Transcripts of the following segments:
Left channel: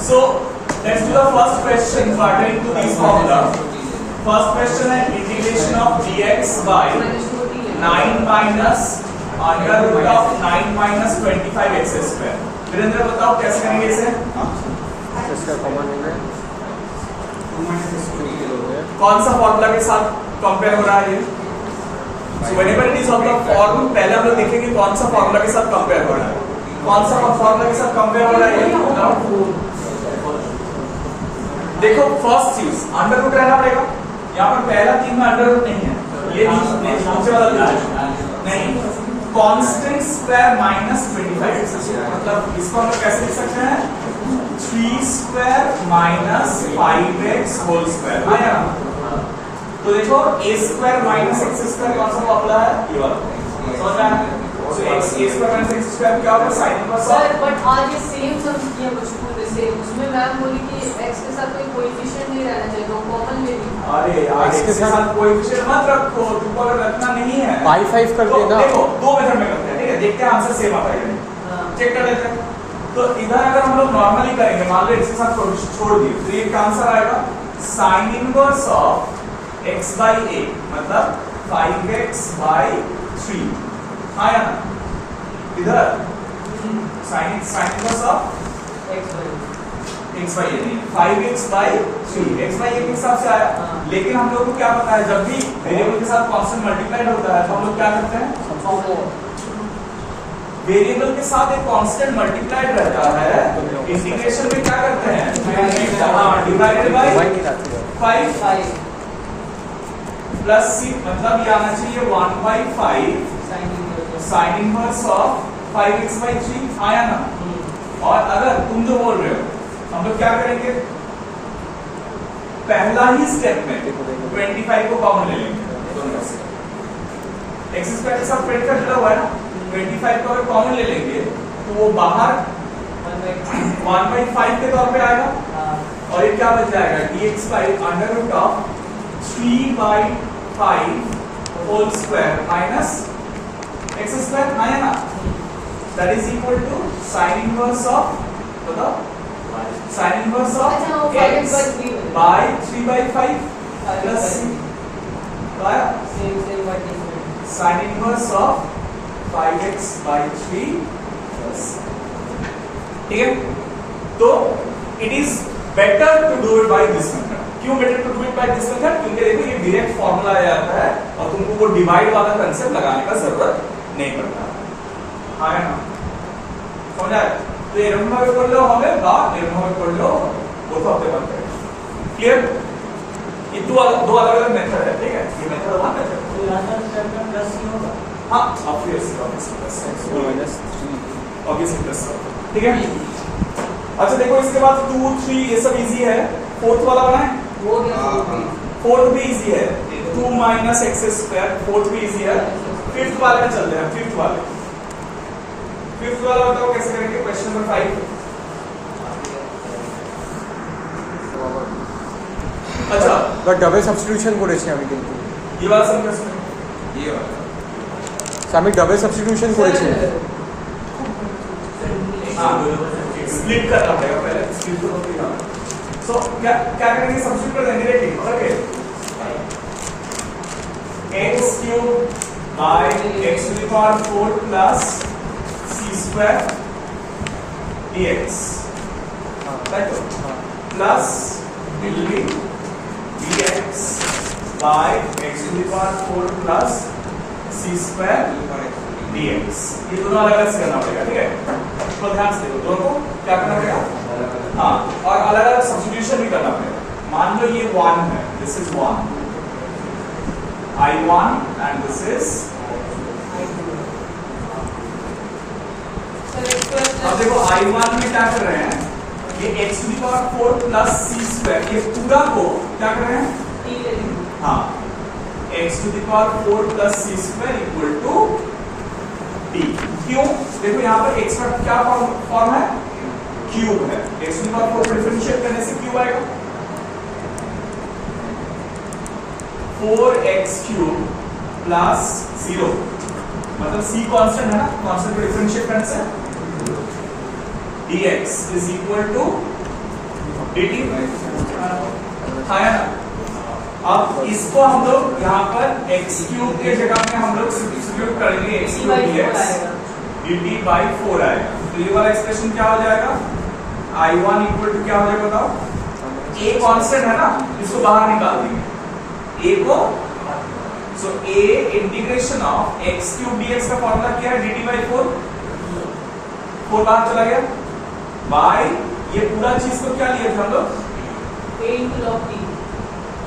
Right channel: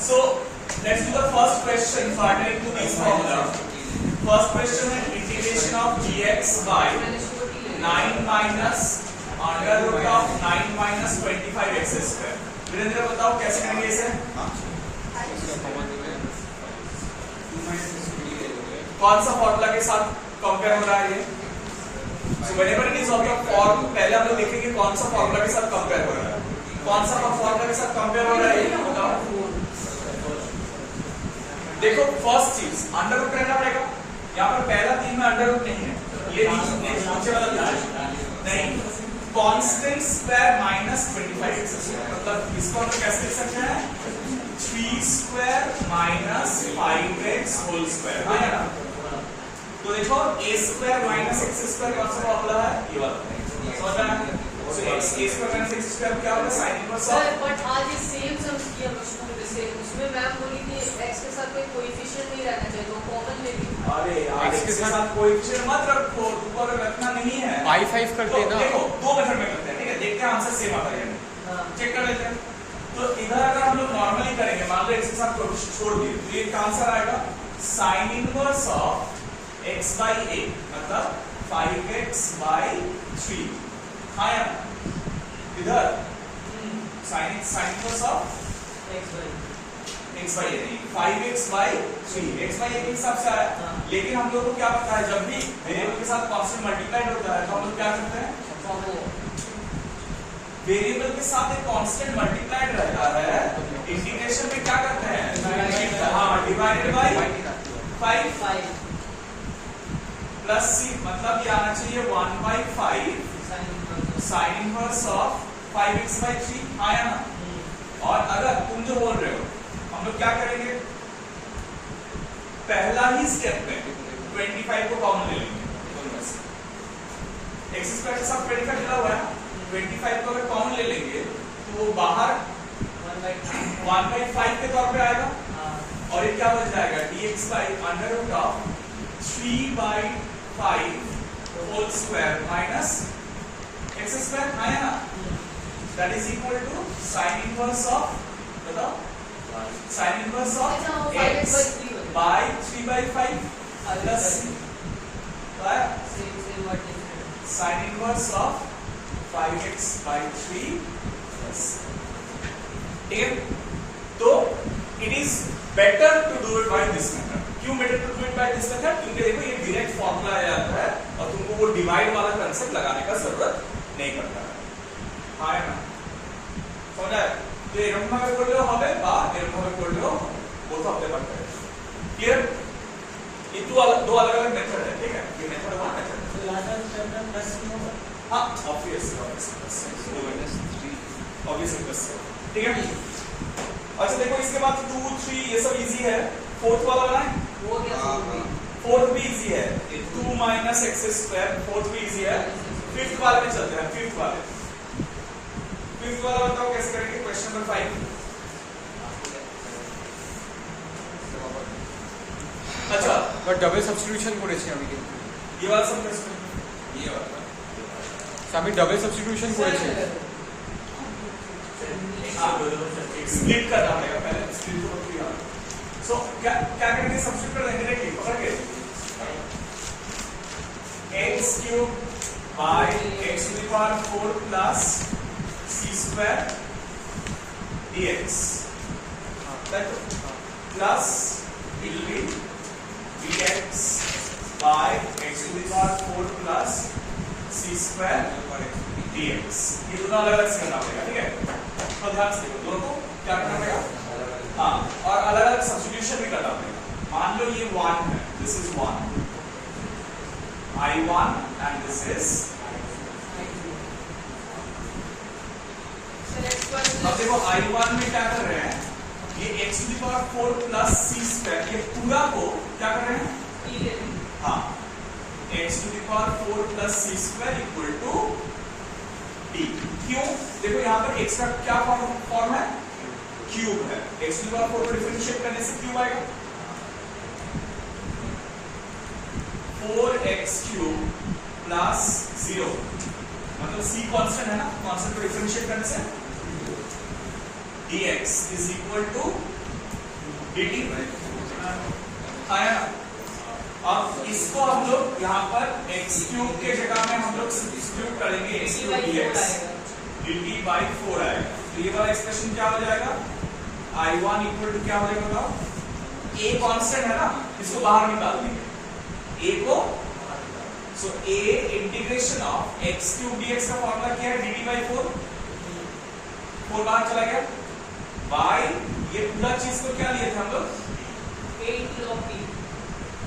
So let's do the first question pertaining to this formula. First question है integration of dx by 9 minus under root of 9 minus 25x square. Virendra बताओ कैसे करेंगे इसे? इसका common है कौन सा फॉर्मूला के साथ कंपेयर हो रहा है ये? So whenever it is of the form, पहले हम लोग देखेंगे कौन सा फॉर्मूला के साथ कंपेयर हो रहा है. कौन सा फॉर्मूला के साथ कंपेयर हो रहा है ये बताओ. देखो फर्स्ट चीज अंडर रूट रहना पड़ेगा. यहाँ पर पहला 3 में अंडर रूट नहीं है. ये नहीं नीचे वाला नहीं. कांस्टेंट स्क्वायर माइनस 25x मतलब इसको हम लोग कैसे लिख सकते हैं? 3 square minus 5x whole square. हाँ या ना? तो देखो a square minus x square कौन सा फॉर्मूला है? ये वाला. समझ रहे हैं? तो x a square minus x square क्या होगा? sin inverse. सर बट आज ये सेम सम किया मुझको से उसमें मैम बोली कि x के साथ कोई कोएफिशिएंट नहीं रहना चाहिए तो कॉमन ले ली. अरे यार x के साथ कोएफिशिएंट मत रखो. तुमको अगर रखना नहीं है पाई 5 करते हैं ना. देखो दो मेथड में करते हैं. ठीक है देखते हैं आंसर सेम आता है नहीं. चेक कर लेते हैं. तो इधर अगर हम लोग नॉर्मली करेंगे मान लो x के साथ कोएफिशिएंट छोड़ दिए तो ये का आंसर आएगा sin inverse of x by a मतलब 5x by 3. हाँ या ना? इधर sin inverse of x by a नहीं 5x by 3. x by a के हिसाब से आया. लेकिन हम लोग को क्या पता है जब भी वेरिएबल के साथ कांस्टेंट मल्टीप्लाइड होता है तो हम लोग क्या करते हैं? वेरिएबल के साथ एक कांस्टेंट मल्टीप्लाइड रहता है. इंटीग्रेशन में क्या करते हैं? हाँ डिवाइडेड बाय 5 प्लस c मतलब ये आना चाहिए 1/5 sin inverse of 5x by 3. आया ना? और अगर तुम जो बोल रहे हो हम लोग क्या करेंगे? पहला ही स्टेप में 25 को कॉमन ले लेंगे दोनों में से. x स्क्वायर के साथ 25 जुड़ा हुआ है ना. 25 को अगर कॉमन ले लेंगे तो वो बाहर 1/5 के तौर पे आएगा. और ये क्या बच जाएगा? dx by under root of 3/5 whole square minus x square. आया ना? That is equal to sin inverse of बताओ sin inverse of x by 3/5 plus c. तो आया sin inverse of 5x by 3 plus. ठीक है. तो it is better to do it by this method. क्यों better to do it by this method? क्योंकि देखो ये डायरेक्ट फॉर्मूला आ जाता है और तुमको वो डिवाइड वाला कांसेप्ट लगाने का जरूरत नहीं पड़ता. हाँ है ना? समझ आया? तो एक नंबर पे पढ़ लो हमें बात एक नंबर पे पढ़ लो वो तो हफ्ते बाद करेंगे. क्लियर? ये दो अलग अलग मेथड है. ठीक है ये मेथड वन मेथड. तो यहां पर प्लस ही होगा. हां obviously plus minus 3 obviously plus. ठीक है. अच्छा देखो इसके बाद 2 3 ये सब इजी है. फोर्थ वाला बनाए वो भी. फोर्थ भी इजी है 2 माइनस x स्क्वायर. फोर्थ भी इजी है. फिफ्थ वाले में चलते हैं. फिफ्थ वाला बताओ कैसे करेंगे? Question number 5. अच्छा तो डबल सब्स्टिट्यूशन করেছি আমি কিন্তু. ये वाला समझो. ये वाला আমি डबल सब्स्टिट्यूशन করেছি. हां स्प्लिट करना पड़ेगा पहले. स्प्लिट तो होती है. सो क्या करेंगे? सब्स्टिट्यूट कर देंगे. देखिए पकड़ के x cube by x to the power 4 plus c square dx plus dx by x to the power 4 plus c square dx. ये दोनों अलग अलग से करना पड़ेगा. ठीक है. तो ध्यान से देखो दोनों को क्या करना पड़ेगा. हाँ और अलग अलग सब्स्टिट्यूशन भी करना पड़ेगा. मान लो ये 1 है. This is 1 I1 and this is अब देखो I1 में क्या कर रहे हैं? ये x to the power 4 plus c square ये पूरा को क्या कर रहे हैं? हाँ x to the power 4 plus c square equal to d. क्यों? देखो यहाँ पर x का क्या फॉर्म है? क्यूब है. x टू द पावर 4 को डिफरेंशिएट करने से क्यूब आएगा 4x क्यूब प्लस 0 मतलब c कांस्टेंट है ना. कांस्टेंट को डिफरेंशिएट करने से dx is equal to dt आया ना। अब इसको हम लोग यहाँ पर x क्यूब के जगह में हम लोग सब्स्टिट्यूट करेंगे x cube dx dt by 4 आएगा। तो ये वाला एक्सप्रेशन क्या हो जाएगा, I1 इक्वल टू क्या हो जाएगा बताओ, a कांस्टेंट है ना, इसको बाहर निकाल देंगे a को। सो a integration of x cube dx का फॉर्मूला क्या है, dt by 4, 4 बाहर चला गया, by ये पूरा चीज को क्या लिए थे हम लोग, a into log t।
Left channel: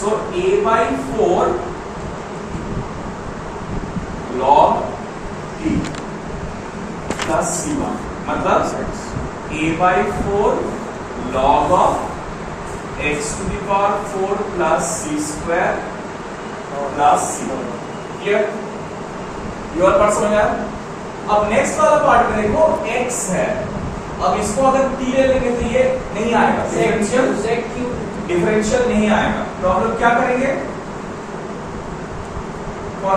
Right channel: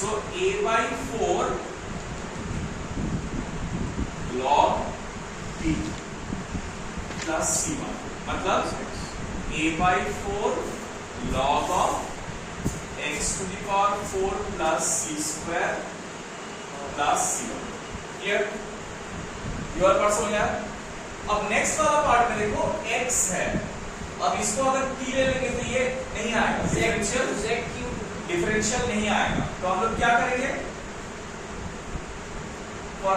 So a by 4 log t plus c1, मतलब a by 4 log of x to the power 4 plus c square plus c1। Clear, ये वाला पार्ट समझ आया। अब नेक्स्ट वाला पार्ट में देखो x है, अब इसको अगर t ले लेंगे तो ये नहीं आएगा, डिफरेंशियल नहीं आएगा। तो हम लोग क्या करेंगे, फॉर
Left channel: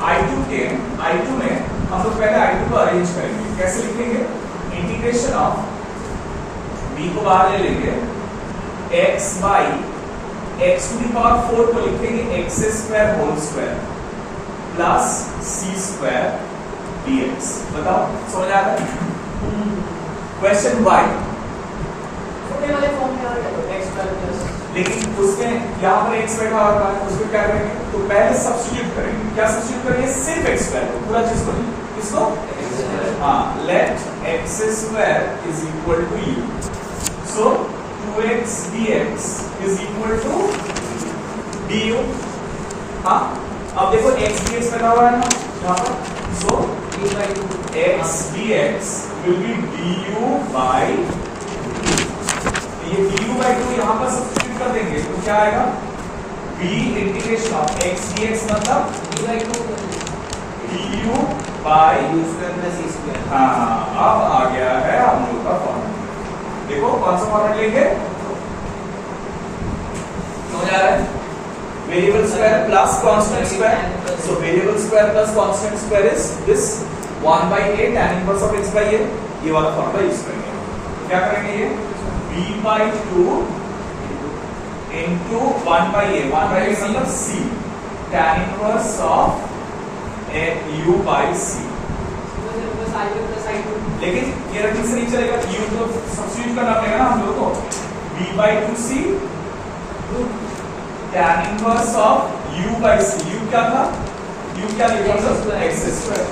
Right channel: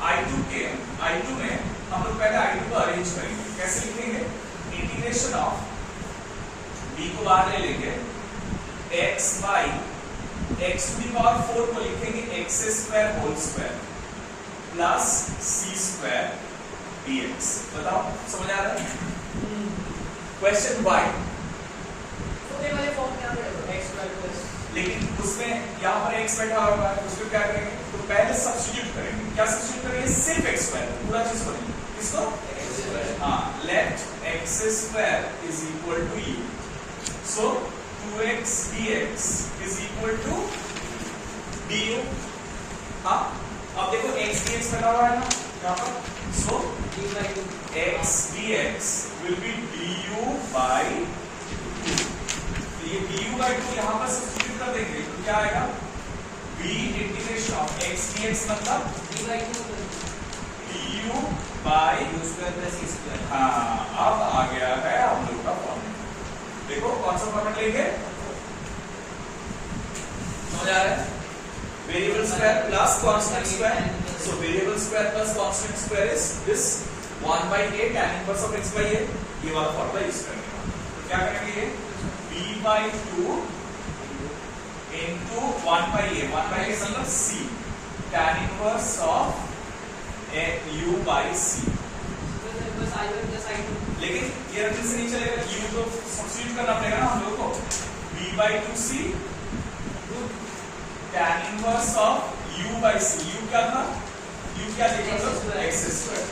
I2 में हम लोग पहले I2 को अरेंज करेंगे। कैसे लिखेंगे, इंटीग्रेशन ऑफ b को बाहर ले लेंगे, x by x to the power 4 को लिखेंगे x square whole square plus c square dx। बताओ समझ आ रहा है। क्वेश्चन y, छोटे वाले फॉर्म में आ रहा है x प्लस, लेकिन उसमें यहाँ पर x बैठा हुआ है, उसको क्या करेंगे, तो पहले सब्स्टिट्यूट करेंगे। क्या सब्स्टिट्यूट करेंगे, सिर्फ x स्क्वायर, पूरा चीज को नहीं, किसको, हाँ, let x square is equal to u। So 2x dx is equal to du। हाँ, अब देखो x dx बैठा हुआ है ना यहाँ पर, सो x dx will be du by 2। तो ये du by 2 यहाँ पर सब्स्टिट्यूट कर देंगे तो क्या आएगा, b integration of x dx मतलब du by u square plus c square. हाँ, अब आ गया है हम लोग का फॉर्मूला। देखो कौन सा फॉर्मूला लेंगे, समझ आ रहा है, variable square plus constant square. So variable square plus constant square is this 1/a tan inverse of x by a। ये वाला फॉर्मूला यूज करेंगे। तो क्या करेंगे, ये b by 2 into 1/a, 1/a मतलब c tan inverse of u by c। बस I1 plus I2। लेकिन ये रखने से नहीं चलेगा, u तो सब्स्टिट्यूट करना पड़ेगा ना हम लोगों को, b by 2c tan inverse of u by c। u क्या था, u क्या लिखा हम लोग, x square.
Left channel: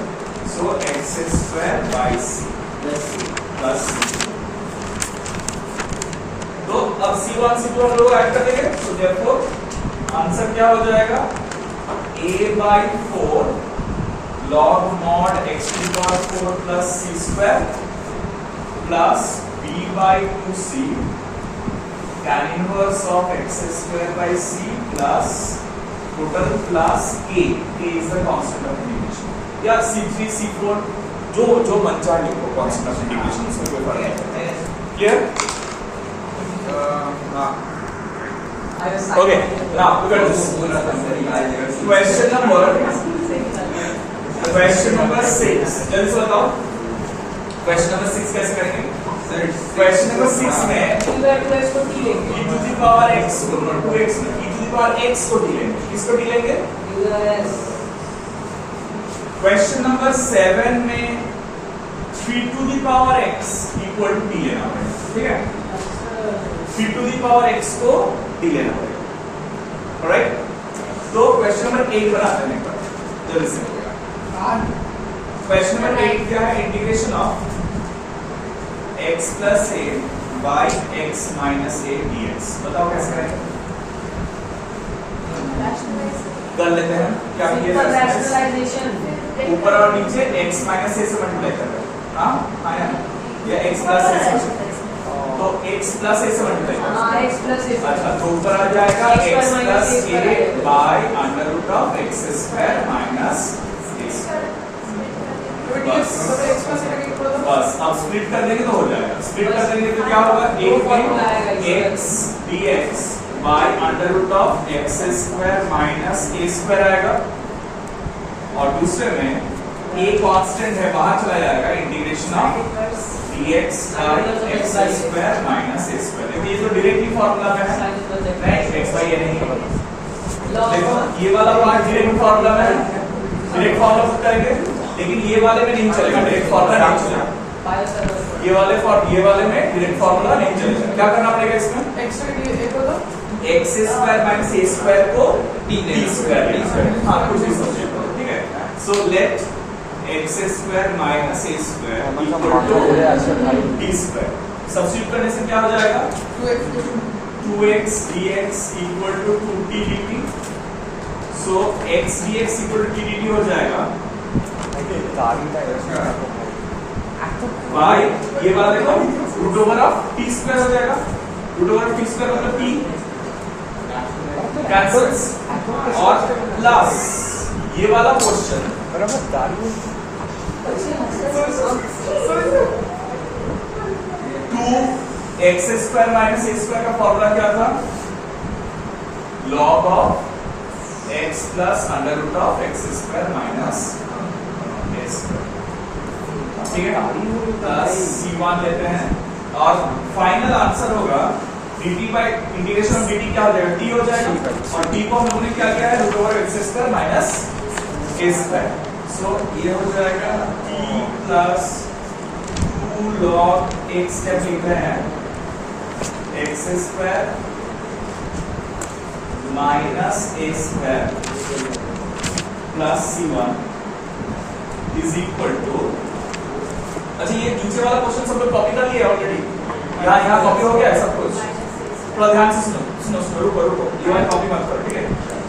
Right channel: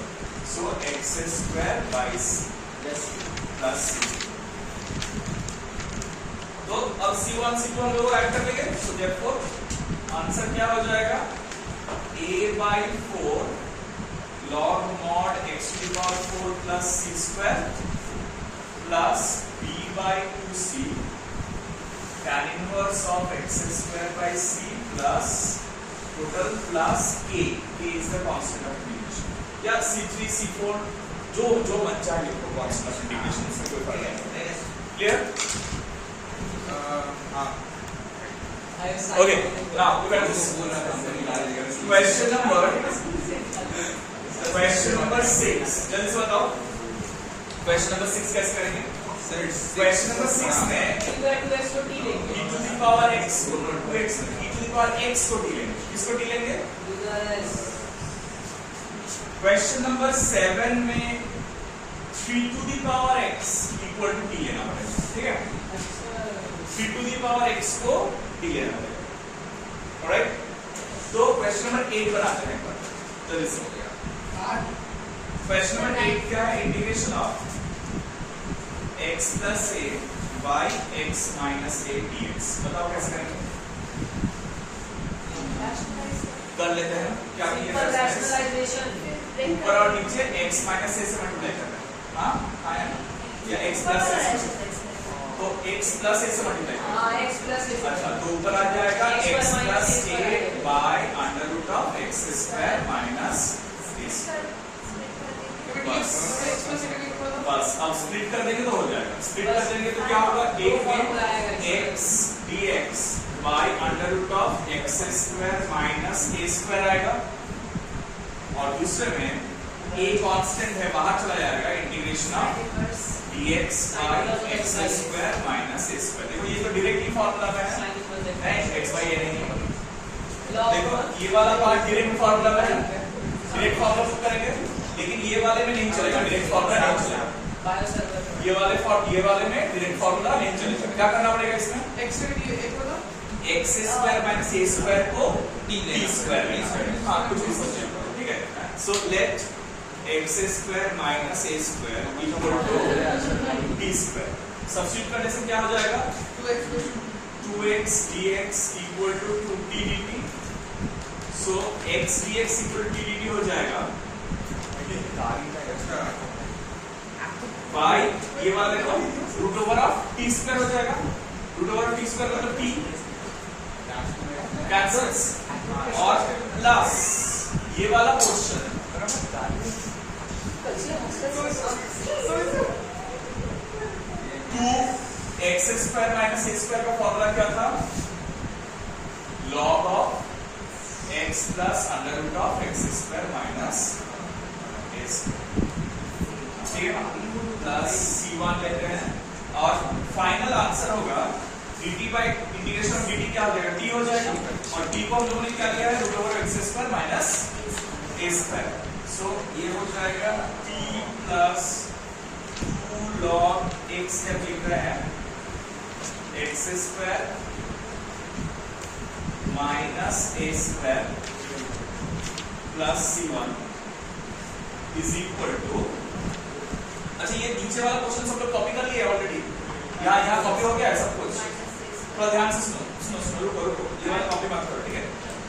So x square by c plus c। तो अब c1 c2 हम लोग ऐड कर देंगे। सो देयरफॉर आंसर क्या हो जाएगा, a by 4 log mod x to the power 4 plus c square plus b by 2c tan inverse of x square by c plus total plus k is the constant of integration, या c3 c4 जो मन चाहे लिखो, constant of integration इसमें कोई फर्क नहीं। Clear, okay, now look at this question number 6। जल्दी से बताओ क्वेश्चन नंबर 6 कैसे करेंगे। क्वेश्चन नंबर 6 में e को t लेंगे, e to the power x को 2x में e to the power x को t लेंगे, किसको t लेंगे, क्वेश्चन नंबर 7 में 3 to the power x equal to t लेना पड़ेगा। ठीक है, 3 to the power x को t लेना पड़ेगा। ऑलराइट, तो क्वेश्चन नंबर 8 पर आते हैं। जल्दी से क्वेश्चन नंबर 8 क्या है, integration of x plus a by x minus a dx। बताओ कैसे करेंगे, कर लेते हैं। क्या ऊपर और नीचे x माइनस a से मल्टीप्लाई कर रहे हैं, हाँ आया ना, या x प्लस a से, तो x प्लस a से मल्टीप्लाई कर, हाँ x प्लस a। अच्छा, तो ऊपर आ जाएगा x plus a by under root of x square minus बस। अब स्प्लिट कर देंगे तो हो जाएगा, स्प्लिट कर देंगे तो क्या होगा, एक में x dx by under root of x square minus a square आएगा, और दूसरे में a कांस्टेंट है बाहर चला जाएगा, integration of dx by x square minus a square। देखो ये तो डायरेक्टली फार्मूला में है, नहीं x by a नहीं। देखो ये वाला पार्ट डायरेक्ट फार्मूला में है, डायरेक्ट फार्मूला पुट करेंगे, लेकिन ये वाले में नहीं चलेगा, डायरेक्ट फार्मूला नहीं चलेगा। ये वाले में डायरेक्ट फार्मूला नहीं चलेगा। क्या करना पड़ेगा इसमें? x square minus a square को t स्क्वायर, हाँ कुछ भी सब्स्टिट्यूट करो, ठीक है। So let x square minus a square equal to t square. Substitute करने से क्या हो जाएगा? 2x dx equal to 2t dt। So x dx equal to t dt हो जाएगा बाय ये वाला देखो root over of t square हो जाएगा। Root over of t square मतलब t कैंसल्स और प्लस ये वाला portion 2x square minus a square का फॉर्मूला क्या था? log of x plus under root of x square minus a square, ठीक है। प्लस c1 लेते हैं और फाइनल आंसर होगा dt by integration of dt क्या हो जाएगा? t हो जाएगा, और t को हम लोगों ने क्या किया है? Root over x square minus a square. So ये हो जाएगा t प्लस 2 log x क्या लिख रहे हैं? x square minus a square plus c1 is equal to, अच्छा ये नीचे वाला क्वेश्चन सब लोग कॉपी कर लिए ऑलरेडी, यहाँ कॉपी हो गया है सब कुछ। थोड़ा ध्यान से सुनो, रुको ये वाली कॉपी मत करो, ठीक है।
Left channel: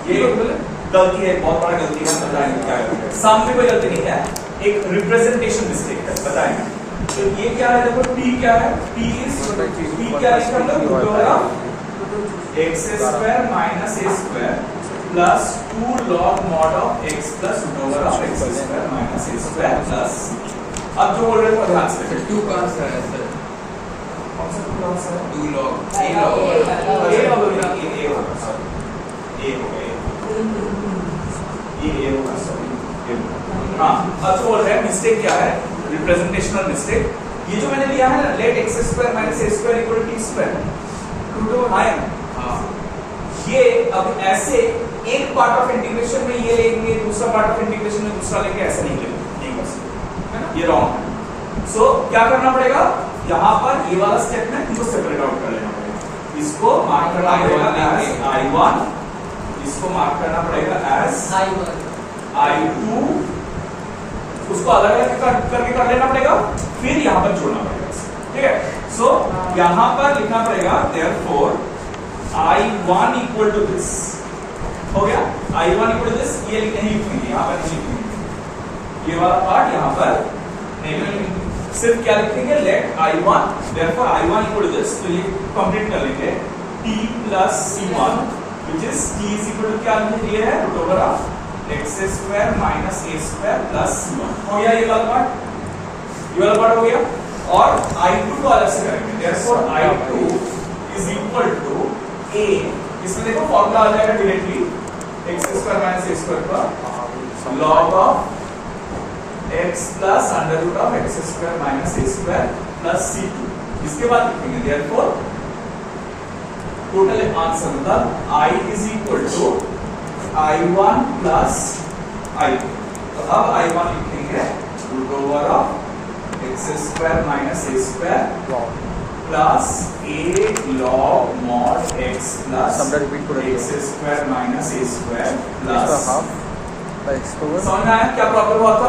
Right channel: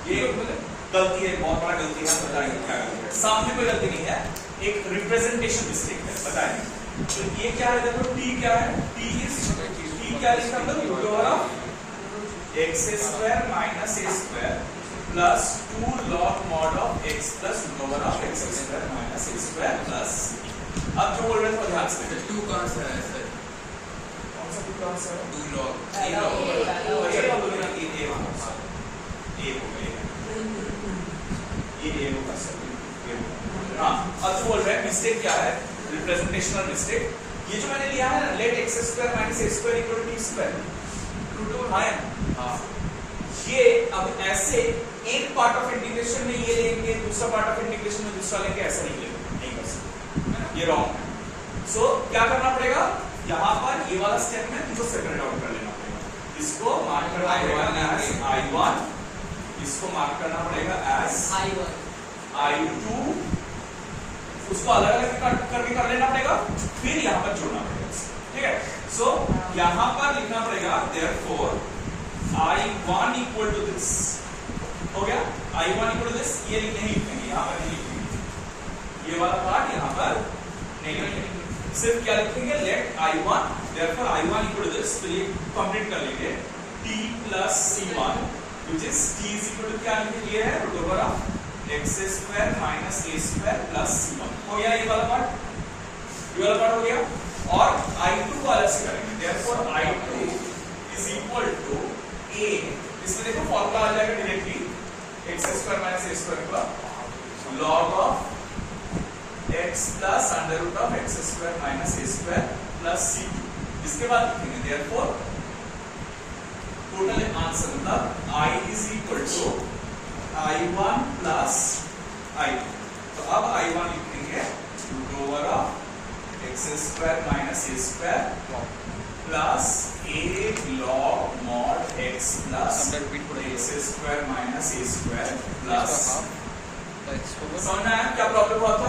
ये गलती है, बहुत बड़ा गलती है, हम बताएंगे क्या है। सामने कोई गलती नहीं है, एक रिप्रेजेंटेशन मिस्टेक है, बताएंगे। तो ये क्या है? देखो t क्या है? t क्या लिखा हम लोग? Root over of x square minus a square plus 2 log mod of x plus root over of x square minus a square plus, अब जो बोल रहे थे ध्यान से 2 कहां से आया सर? कौन सा टुकड़ा है? 2 log a log ये a होगा सर, a होगा ये a होगा सर, हाँ। अब जो बोल रहे हैं मिस्टेक क्या है? Representational mistake. ये जो मैंने लिया है ना, let x square minus a square equal to t square, root over है ना, ये अब ऐसे एक पार्ट ऑफ इंटीग्रेशन में ये लेंगे, दूसरा पार्ट ऑफ इंटीग्रेशन में दूसरा लेंगे, ऐसा नहीं लेंगे, नहीं कर सकते, ये रॉन्ग है। सो क्या करना पड़ेगा? यहाँ पर ये वाला स्टेप में इनको सेपरेट आउट कर लेना पड़ेगा। इसको मार्क करना पड़ेगा एज I1, इसको मार्क करना पड़ेगा एज I2, उसको अलग अलग करके कर लेना पड़ेगा, फिर यहाँ पर जोड़ना पड़ेगा, ठीक है। सो यहाँ पर लिखना पड़ेगा therefore I1 equal to this, हो गया। I1 इक्वल टू दिस, ये नहीं लिखेंगे, यहाँ पर नहीं लिखेंगे, ये वाला पार्ट यहाँ पर नहीं लिखेंगे, सिर्फ क्या लिखेंगे? Let I1, therefore I1 equal to this, तो ये कंप्लीट कर लेंगे t plus c1 which is t is equal to क्या लिखे है? Root over of x square minus a square plus c1। हो गया ये वाला पार्ट, ये वाला पार्ट हो गया। और I2 को अलग से करेंगे, therefore I2 is equal to a, इसमें देखो फॉर्मूला आ जाएगा directly x square minus a square का log of x plus under root of x square minus a square plus c2। इसके बाद लिखेंगे therefore टोटल आंसर मतलब I is equal to I1 plus I2। तो अब I1 लिखेंगे root over of x square minus a square plus a log mod x plus x square minus a square plus, समझ में आया क्या problem हुआ था?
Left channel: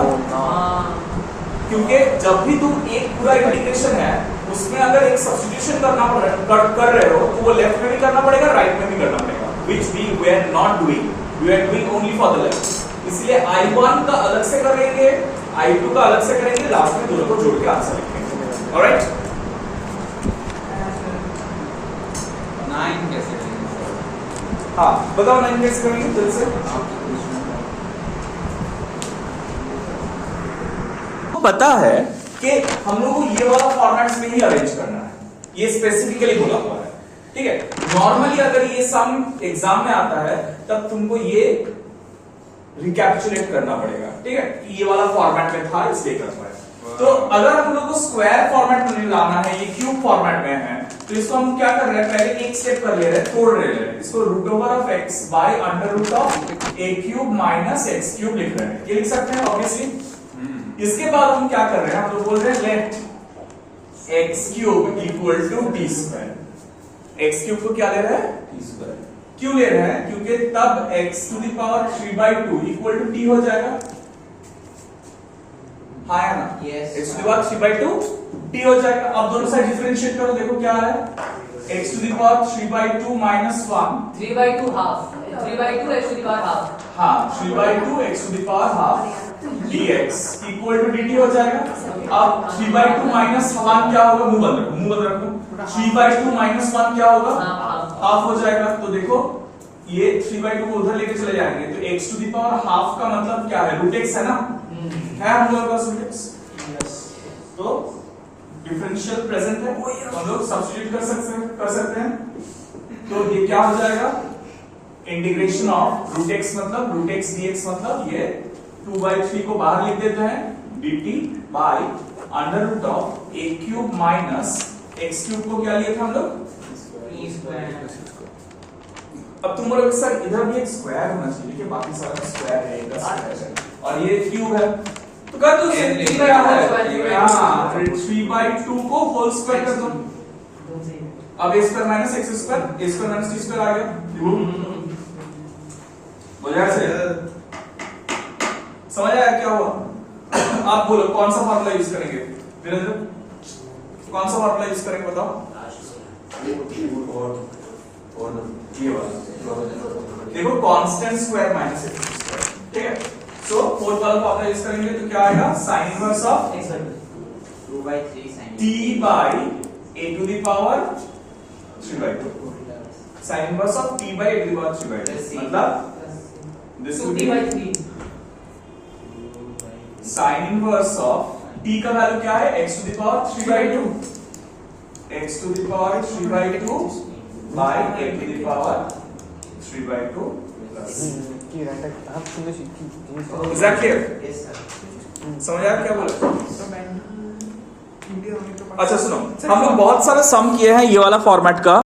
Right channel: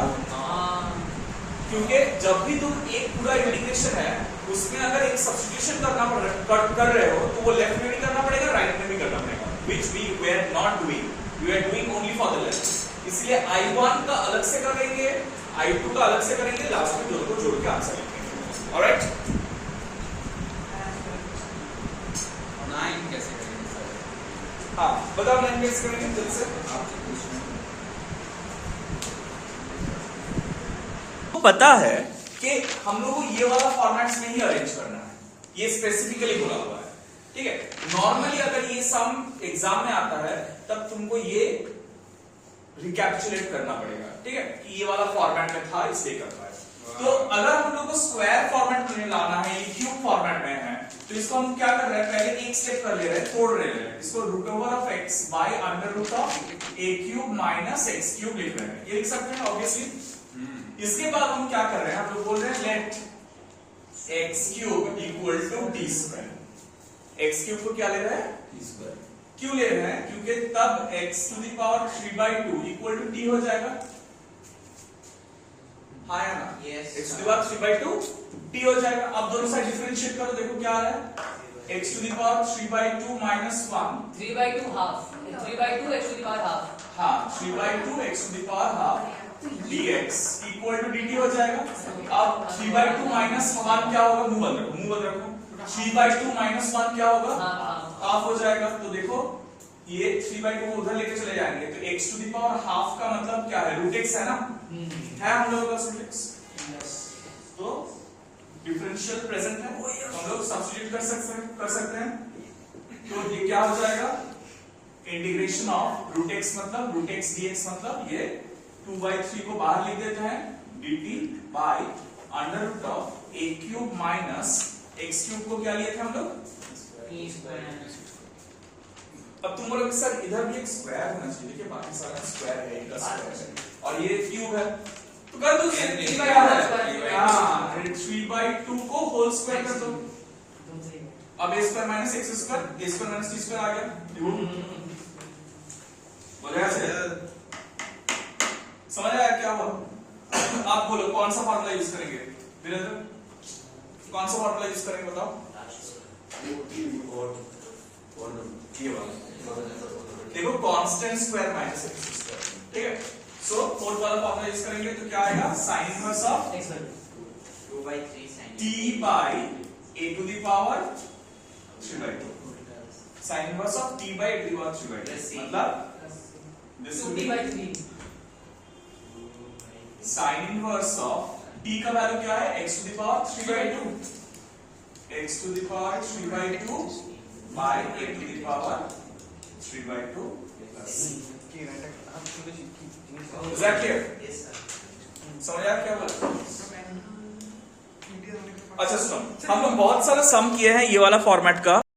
क्योंकि जब भी तुम एक पूरा इंटीग्रेशन है उसमें अगर एक सब्स्टिट्यूशन कर रहे हो तो वो लेफ्ट में भी करना पड़ेगा, राइट में भी करना पड़ेगा, which we are not doing, we are doing only for the left। इसलिए I1 का अलग से करेंगे, I2 का अलग से करेंगे, लास्ट में दोनों को जोड़ के आंसर लिखेंगे। ऑलराइट, 9 कैसे करेंगे सर? हाँ बताओ 9 कैसे करेंगे जल्दी से। पता है कि हम लोग को ये वाला फॉर्मेट्स में ही अरेंज करना है, ये स्पेसिफिकली बोला हुआ है, ठीक है। नॉर्मली अगर ये सम एग्जाम में आता है तब तुमको ये रिकैप्चुलेट करना पड़ेगा, ठीक है, कि ये वाला फॉर्मेट में था इसलिए कर पाए। तो अगर हम लोग को स्क्वायर फॉर्मेट में फॉर्मेट में है तो इसको हम क्या कर रहे हैं, पहले एक स्टेप कर ले रहे हैं, तोड़ रहे हैं। इसको root over of x by under root of a cube minus x cube लिख रहे हैं, ये लिख सकते हैं ऑब्वियसली। इसके बाद हम क्या कर रहे हैं, हम लोग बोल रहे हैं let x cube equal to t square. X cube को क्या ले रहे हैं, टी स्क्वायर। क्यों ले रहे हैं, क्योंकि तब x to the power 3/2 equal to t हो जाएगा, हाँ या ना? Yes. x to the power 3/2 t हो जाएगा। अब दोनों साइड डिफरेंशिएट करो, देखो क्या आ रहा है, x to the power 3/2 minus 1 3/2 half 3/2 x to the power half। हाँ 3/2 x to the power half dx equal to dt हो जाएगा। अब 3/2 माइनस 1 क्या होगा, मुंह बंद रखो। 3/2 माइनस 1 क्या होगा, हाफ हो जाएगा। तो देखो ये 3/2 को उधर लेके चले जाएंगे तो x to the power half का मतलब क्या है, रूट x है ना, है हम लोगों के पास रूट x, तो डिफरेंशियल प्रेजेंट है तो हम लोग सब्स्टिट्यूट कर सकते हैं। तो ये क्या हो जाएगा, इंटीग्रेशन ऑफ रूट x मतलब रूट x dx मतलब ये 2/3 को बाहर लिख देते हैं dt by under root of a cube minus x cube को क्या लिया था हम लोग, अब तुम बोलोगे सर इधर भी एक स्क्वायर होना चाहिए कि बाकी सारा स्क्वायर है, एक स्क्वायर है और ये क्यूब है, तो कर दो सिंपली क्या है, हां 3/2 को होल स्क्वायर कर दो। अब a square minus x square, a square minus t square आ गया, बोलिए ऐसे समझ आया क्या हुआ। आप बोलो कौन सा फार्मूला यूज करेंगे वीरेंद्र, कौन सा फार्मूला यूज करेंगे बताओ, ये वाला देखो constant square minus x square, ठीक है। सो फोर्थ वाला फॉर्मूला यूज करेंगे तो क्या आएगा, sine inverse of 2/3 sin t by a to the power 3/2, sine inverse of t by a to the power 3/2 मतलब this will be sine inverse of t का value क्या है, x to the power 3/2, x to the power 3/2 by a to the power 3/2 plus কি right half সুন্দর জিনিস is that clear, yes sir। समझ आया क्या बोला। अच्छा सुनो, हम लोग बहुत सारा सम किए हैं ये वाला फॉर्मेट का।